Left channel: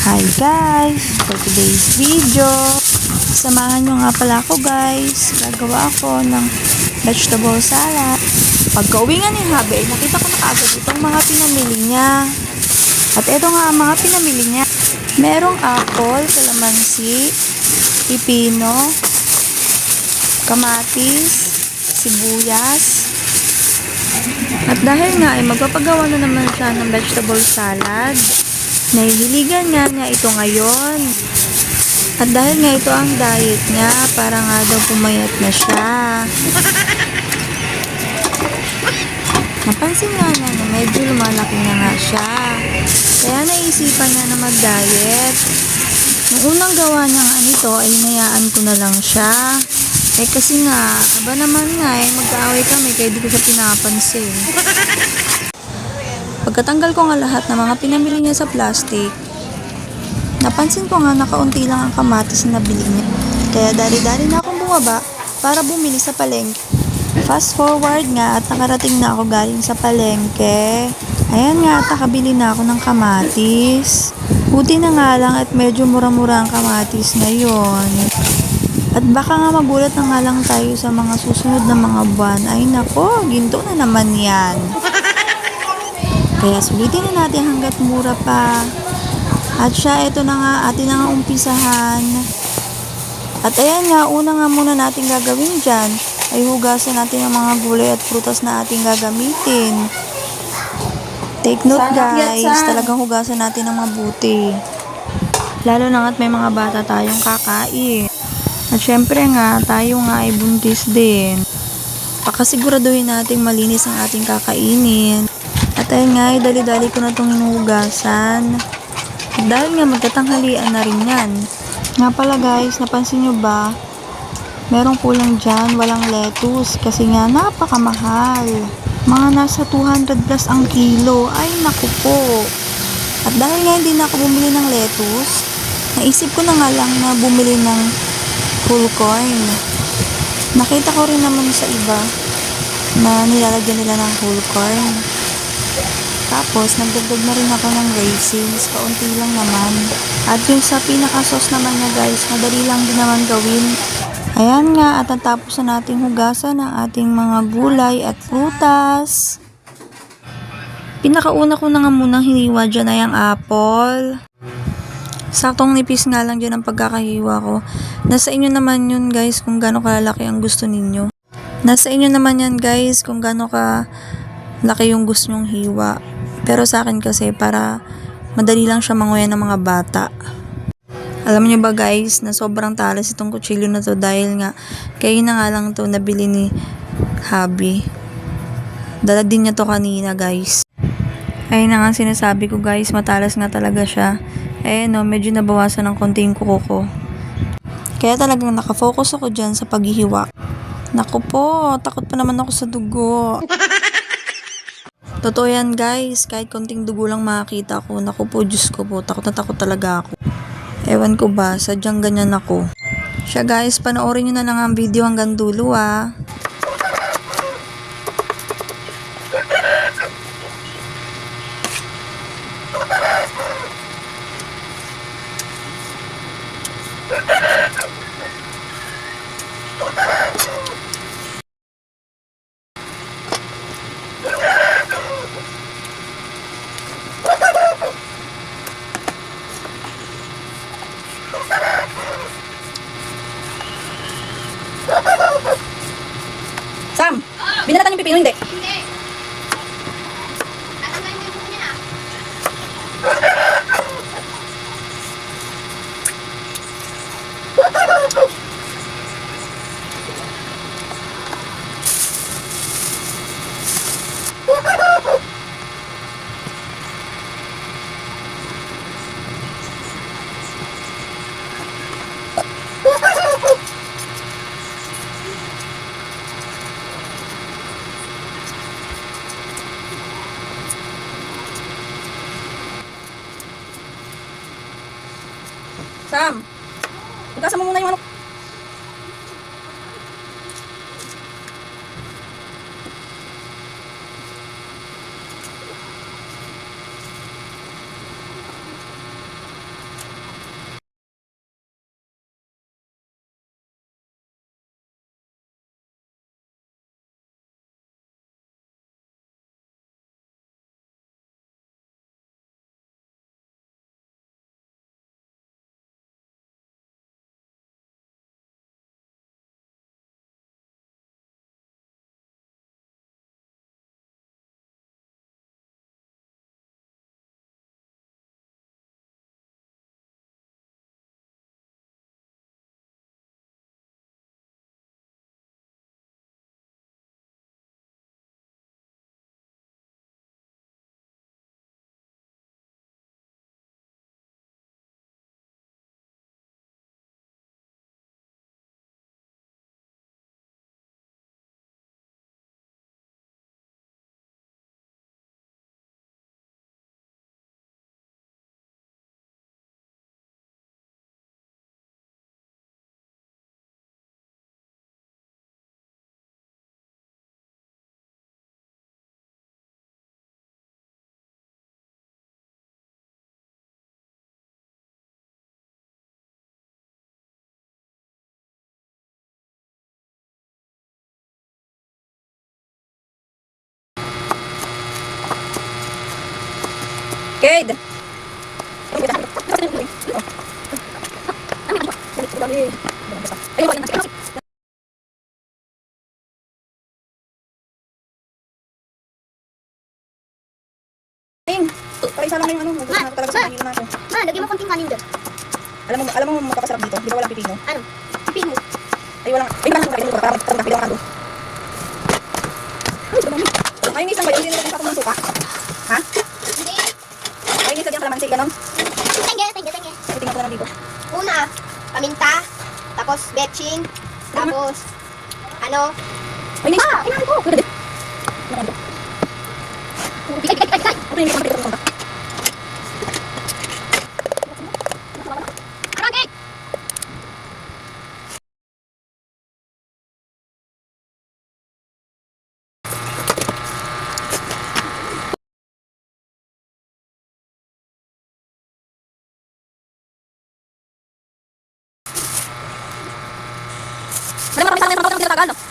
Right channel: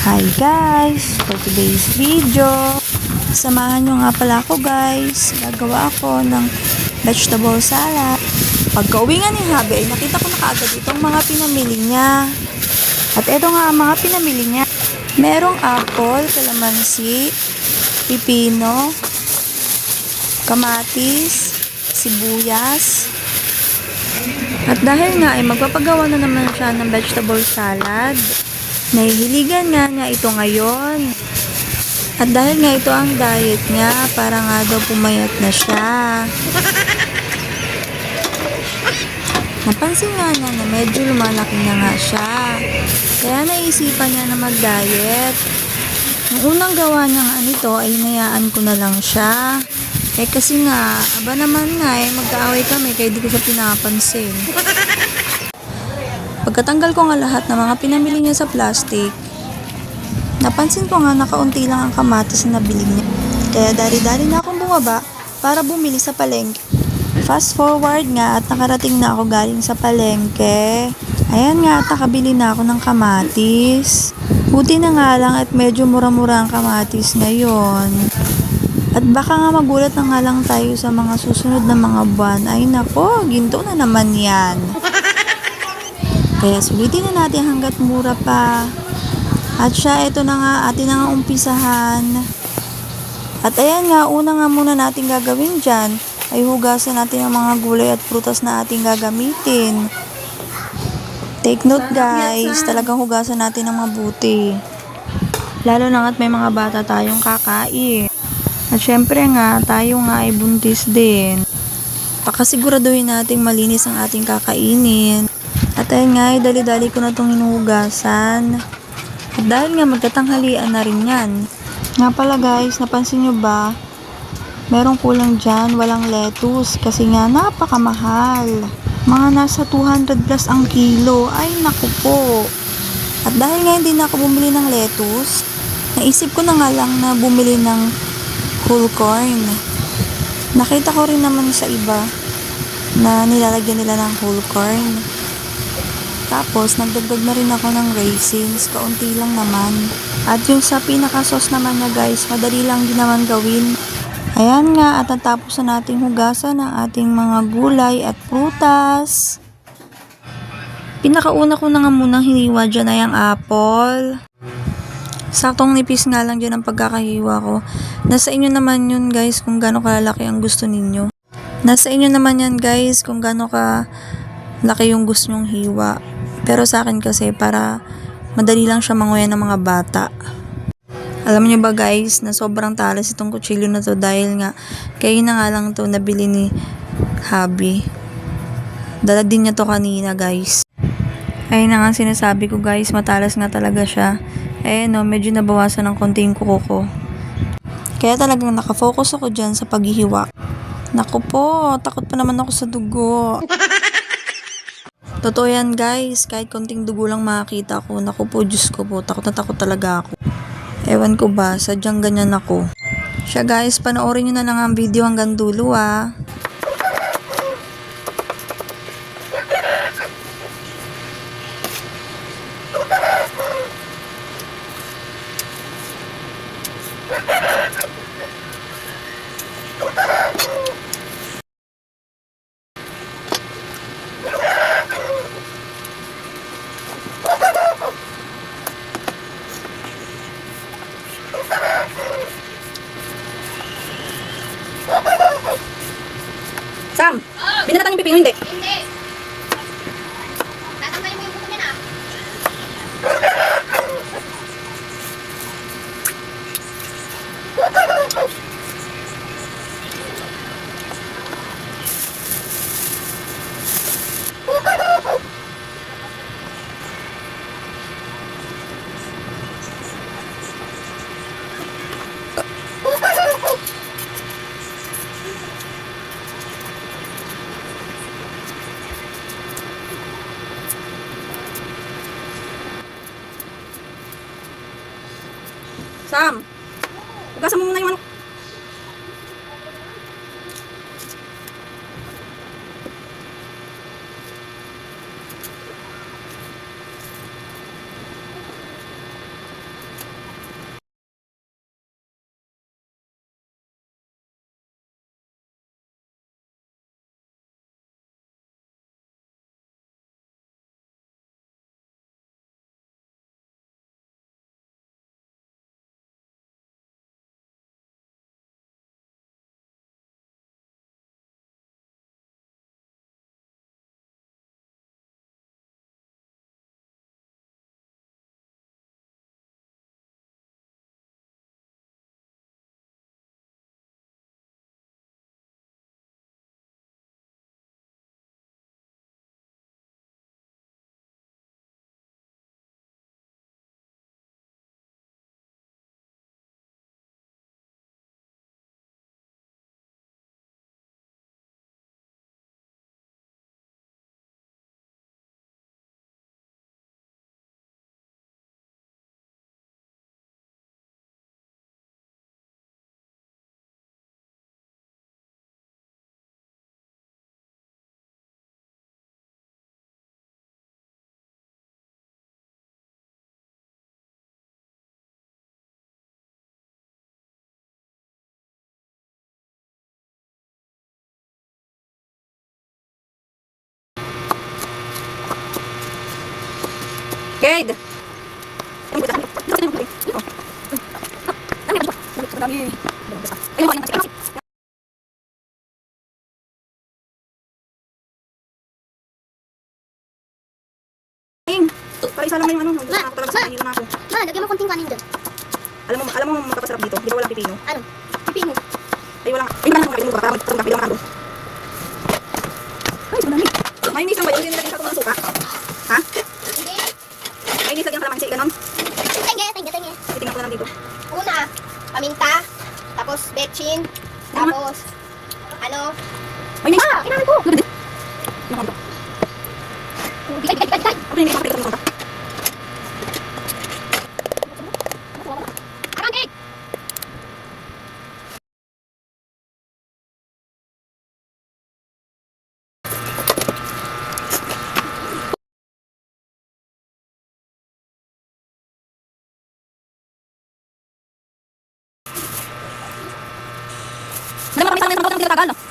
Hi guys! For today's video, samahan nyo nga pala ako guys. Gagawa ako ng vegetable salad. Pagka-uwi nga ni Habi, ay nakita ko na kaagad itong mga pinamili niya. At ito nga ang mga pinamili niya. Merong apple, kalamansi, pipino, kamatis, sibuyas. At dahil nga ay magpapagawa na naman siya ng vegetable salad, nahihiligan nga niya ito ngayon. At dahil nga ito ang diet niya, para nga daw pumayat na siya. Napansin nga niya na medyo lumalaki na nga siya. Kaya naisipan niya na mag-diet. Nung unang gawa niya nga nito ay hinayaan ko na lang siya. Kasi nga, aba naman nga mag-aaway kami kaya di ko siya pinapansin. Pagkatanggal ko nga lahat ng mga pinamili niya sa plastic, napansin ko nga na kaunti lang ang kamatis na nabili niya. Kaya dari-dari na akong bumaba para bumili sa palengke. Fast forward nga at nakarating na ako galing sa palengke. Ayan nga at nakabili na ako ng kamatis. Buti na nga lang at medyo mura-mura ang kamatis ngayon. At baka nga magulat na nga lang tayo sa mga susunod na mga buwan. Ay nako, ginto na naman yan. Kaya sulitin na natin hanggat mura pa. At siya, ito na nga, atin na nga umpisahan. At ayan nga, una nga muna natin gagawin dyan, ay hugasan natin ang mga gulay at prutas na ating gagamitin. Take note guys, talagang hugasan natin ng mabuti. Lalo na at may mga bata tayong kakain. At syempre nga, tayo nga ay buntis din. Pakasiguraduhin nating malinis ang ating kakainin. At ayun nga, dali-dali ko na itong hinuhugasan. At dahil nga magtatanghalian na rin yan. Nga pala guys, napansin nyo ba? Merong kulang dyan, walang lettuce. Kasi nga, napakamahal. Mga nasa 200 plus ang kilo. Ay, naku po. At dahil nga hindi na ako bumili ng lettuce, naisip ko na nga lang na bumili ng whole corn. Nakita ko rin naman sa iba na nilalagyan nila ng whole corn. Tapos, nagdagdag na rin ako ng raisins. Kaunti lang naman. At yung sa pinaka-sauce naman niya guys, madali lang din naman gawin. Ayan nga, at natapos na nating hugasan ang ating mga gulay at prutas. Pinakauna ko na nga munang hiniwa dyan ay ang apple. Saktong nipis nga lang dyan ang pagkakahiwa ko. Nasa inyo naman yun guys kung gaano kalaki ang gusto ninyo. Nasa inyo naman yan guys kung gaano kalaki yung gusto nyong hiwa. Pero sa akin kasi para madali lang siya manguya ng mga bata. Alam niyo ba guys na sobrang talas itong kutsilyo na to dahil nga kayo na nga lang to nabili ni Habi. Dala din niya to kanina guys. Ayun na nga sinasabi ko guys, matalas nga talaga siya. No, medyo nabawasan ng konti yung kuko ko. Kaya talagang nakafocus ako dyan sa paghihiwa. Naku po, takot pa naman ako sa dugo. Totoo yan guys, kahit konting dugo lang makakita ko. Naku po, Diyos ko po, takot na takot talaga ako. Ewan ko ba, sadyang ganyan ako. Siya guys, panoorin nyo na lang ang video hanggang dulo ah. Sam, binalatan yung pipino, hindi? Hindi. Tatanggalin mo yung buko niya na. Sam, hugasan mo muna yung ano. Gade! Isa lang yung ano, talaga sa na ako. Ma, lagyan mo konting kanin dyan. Alam mo magpapasarap dito, di ba walang pipino? Ano? Pipino. Ay wala. Ay wala para magtarap na. Ay, dami. May nisang ba yun din sa suka? Ha? Hindi. May nisang yung kalamansi ganon. Tenge. Tingnan ko na dito. Una, paminta, tapos betchin, tapos ano? May nisang. Kailangan ko. Ano ba? Digay. Ano yung nisang Ano, Gay? Alam mo kami sa amin ang tinatagal, no?